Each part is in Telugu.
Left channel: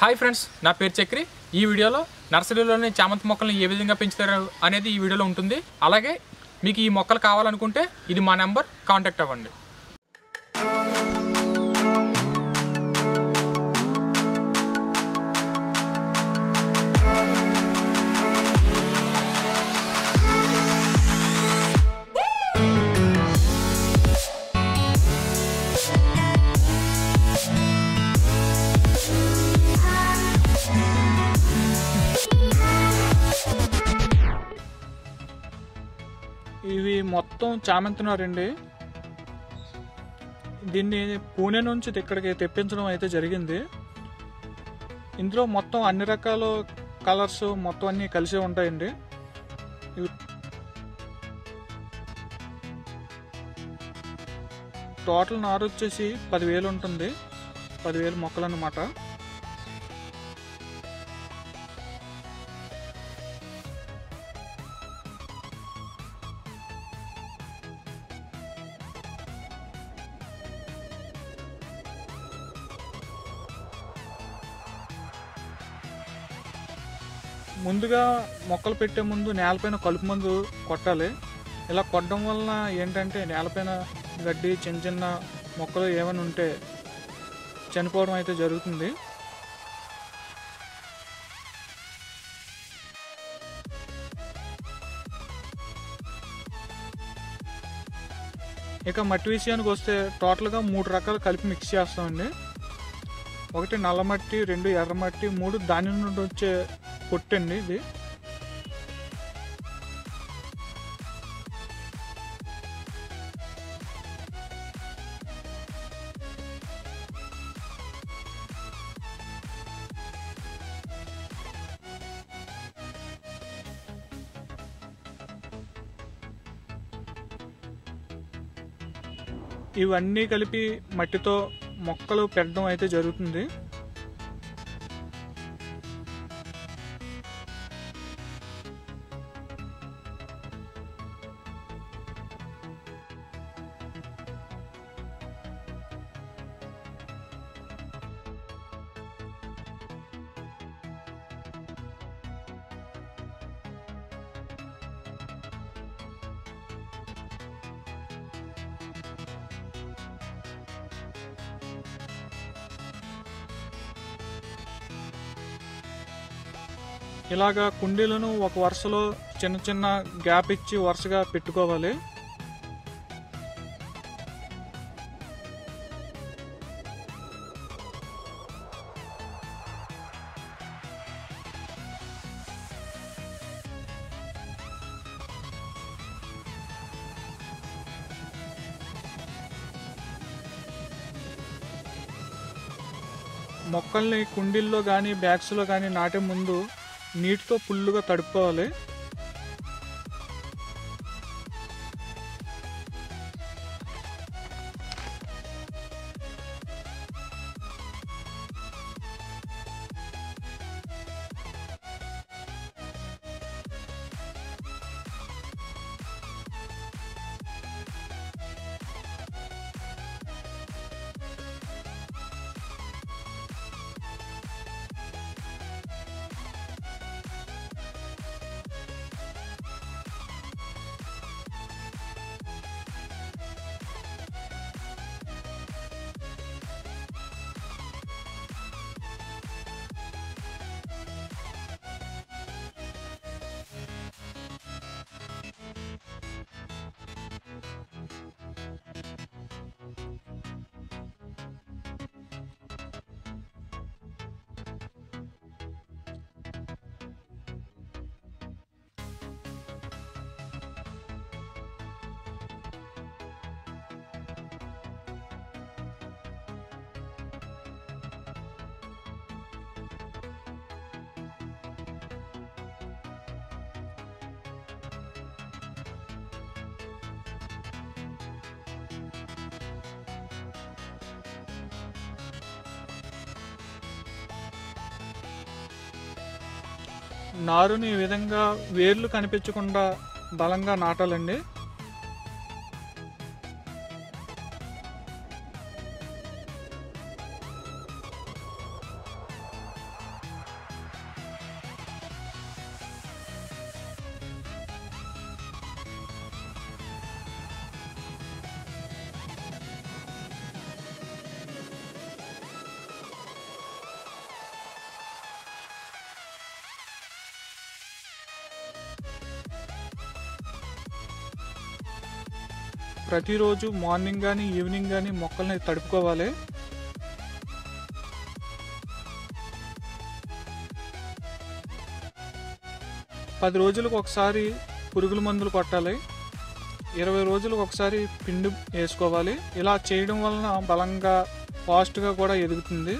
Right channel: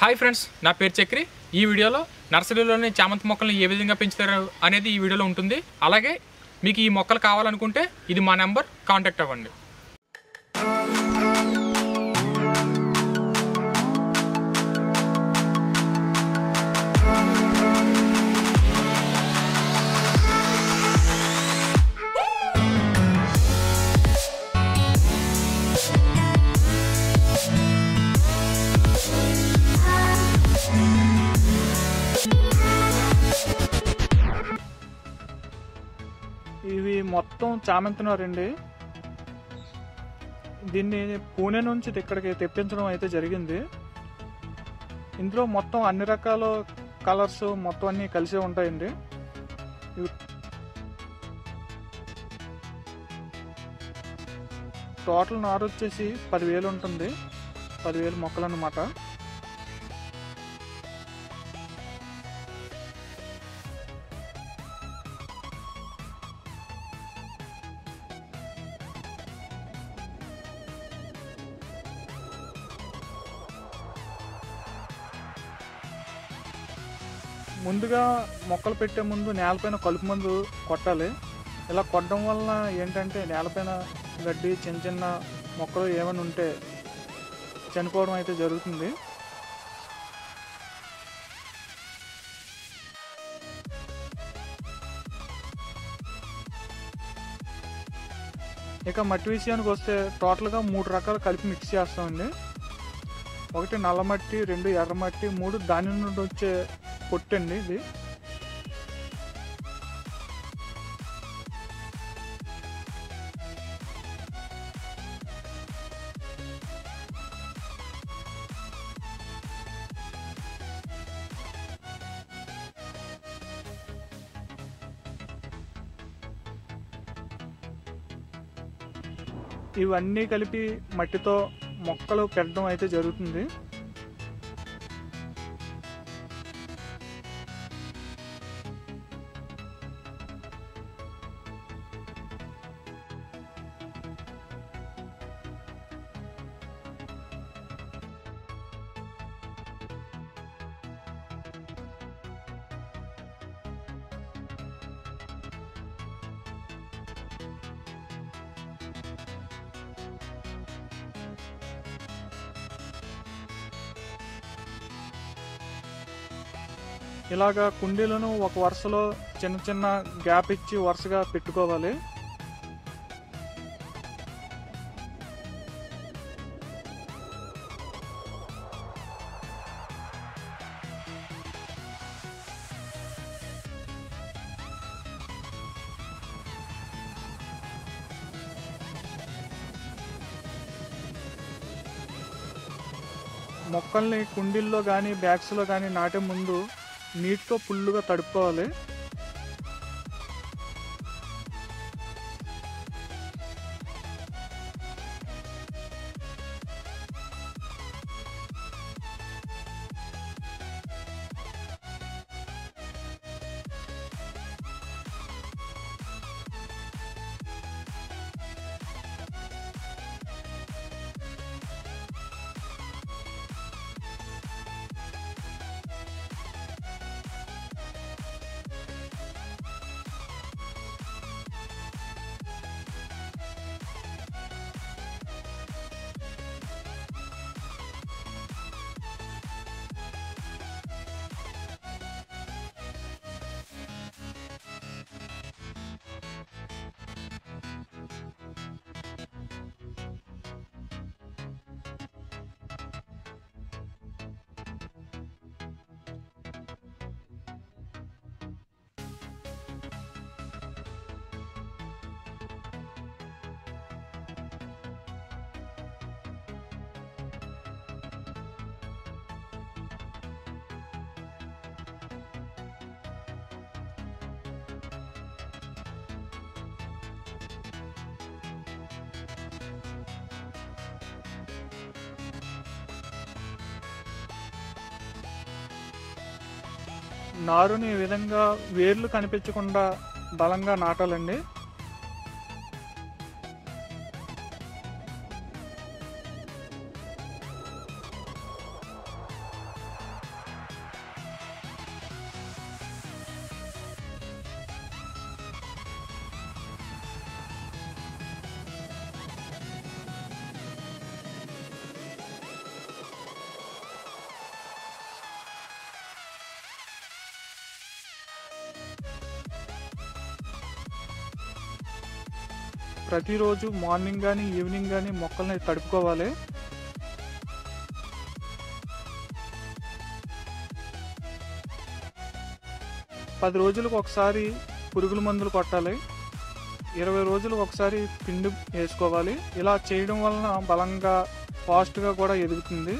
హాయ్ ఫ్రెండ్స్, నా పేరు చక్రి. ఈ వీడియోలో నర్సరీలోని చామంతి మొక్కల్ని ఏ విధంగా పెంచుతారు అనేది ఈ వీడియోలో ఉంటుంది. అలాగే మీకు ఈ మొక్కలు కావాలనుకుంటే ఇది మా నెంబర్, కాంటాక్ట్ అవ్వండి. ఇవి మొత్తం చామంతి నారండి. దీన్ని పూణే నుంచి ఇక్కడికి తెప్పించడం అయితే జరిగింది. ఇందులో మొత్తం అన్ని రకాల కలర్స్ మొత్తం అన్నీ కలిసే ఉంటాయండి. ఇవి టోటల్ నారు వచ్చేసి 10,000 ఉంటుంది. 10,000 మొక్కలు అన్నమాట. ముందుగా మొక్కలు పెట్టే ముందు నేలపైన కలుపు మందు కొట్టాలి. ఇలా కొట్టడం వలన ఏంటంటే నేలపైన గడ్డి చిన్న చిన్న మొక్కలు ఏమైనా ఉంటే చనిపోవడం అయితే జరుగుతుంది. ఇక మట్టి విషయానికి వస్తే టోటల్గా 3 రకాలు కలిపి మిక్స్ చేస్తామండి. 1 నల్ల మట్టి, 2 ఎర్ర మట్టి, 3 దాని నుండి వచ్చే పొట్టండి ఇది. ఇవన్నీ కలిపి మట్టితో మొక్కలు పెట్టడం అయితే జరుగుతుంది. ఇలాగా కుండీలను ఒక వరుసలో చిన్న చిన్న గ్యాప్ ఇచ్చి వరుసగా పెట్టుకోవాలి. మొక్కల్ని కుండీల్లో కానీ బ్యాగ్స్లో కానీ నాటే ముందు నీటితో ఫుల్లుగా తడుపుకోవాలి. నారుని ఈ విధంగా వేర్లు కనిపించకుండా బలంగా నాటాలండి. ప్రతిరోజు మార్నింగ్ కానీ ఈవినింగ్ కానీ మొక్కల్ని తడుపుకోవాలి. పది రోజులకు ఒకసారి పురుగుల మందులు కొట్టాలి. 20 రోజులకు ఒకసారి పిండి వేసుకోవాలి. ఇలా చేయడం వలన బలంగా ఫాస్ట్గా కూడా ఎదుగుతుంది.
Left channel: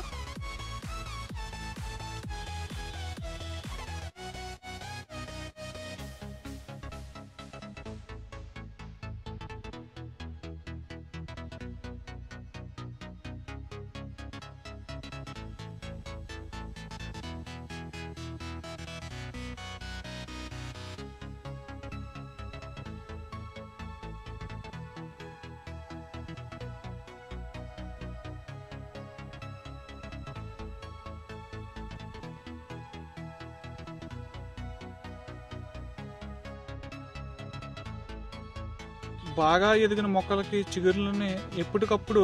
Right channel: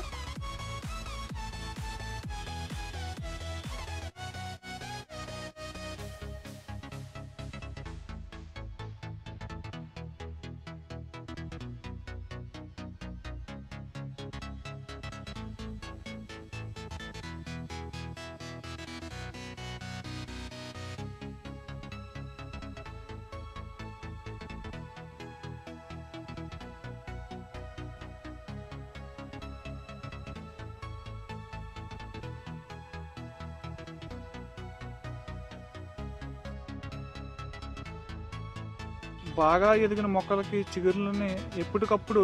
బాగా ఎదిగిన మొక్కలకి చిగురులని ఎప్పటికప్పుడు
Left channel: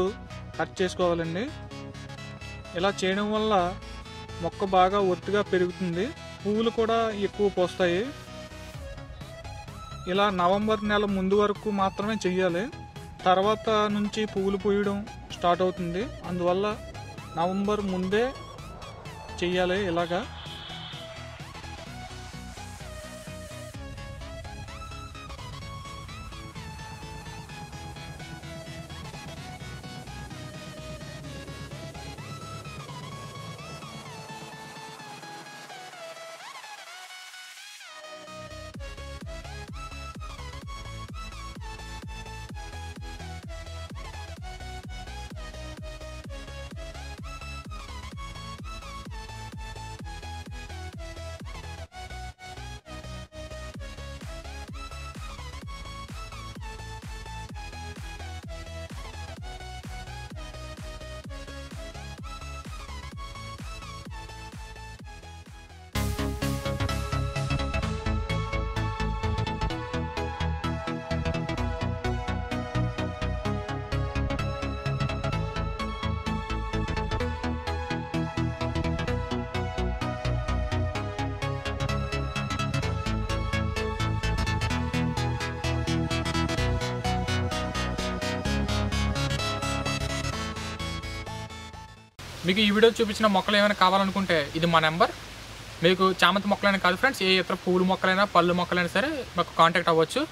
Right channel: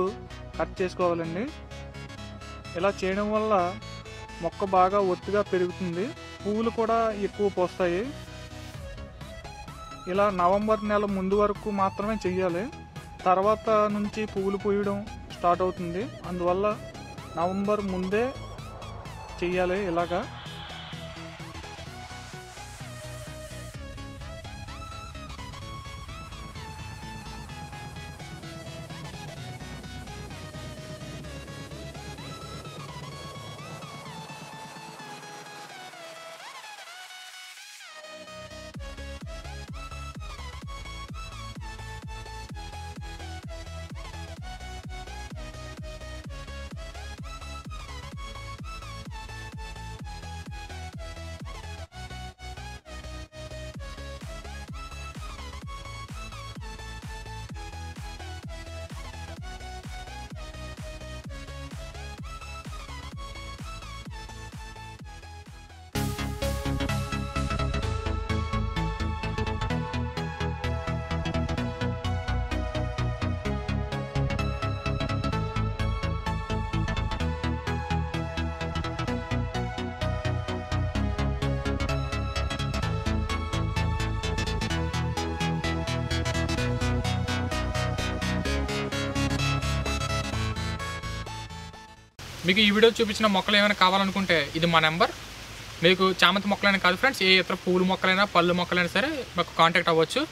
కట్ చేసుకోవాలండి. ఇలా చేయడం వల్ల మొక్క బాగా ఒత్తుగా పెరుగుతుంది, పువ్వులు కూడా ఎక్కువ పోస్తాయి. ఇలా నవంబర్ నెల ముందు వరకు మాత్రమే చెయ్యాలి. తర్వాత నుంచి పువ్వులు పూయడం స్టార్ట్ అవుతుంది. అందువల్ల నవంబర్ ముందే చెయ్యాలి ఇలాగా. మీకు ఈ వీడియో చూపించిన మొక్కలు ఏమైనా కావాలనుకుంటే ఇది మా నెంబర్. మీకు చామంతి మొక్కలైనా కాదు ఫ్రెండ్స్, ఏ ఇతర పూల మొక్కలైనా పళ్ళు మొక్కలైనా సరే మాకు కాంటాక్ట్ అవ్వచ్చు.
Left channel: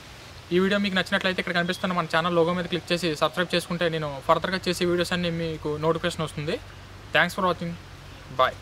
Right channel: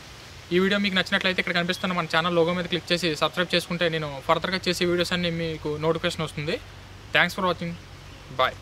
ఈ వీడియో మీకు నచ్చినట్లయితే ఇక్కడ కనిపిస్తున్న మన ఛానల్ లోగో మీద క్లిక్ చేసి సబ్స్క్రైబ్ చేసుకుంటే నేను ఫర్దర్గా చేసే వీడియోస్ అన్ని మీకు నోటిఫికేషన్ వస్తుంది. Thanks for watching. బాయ్.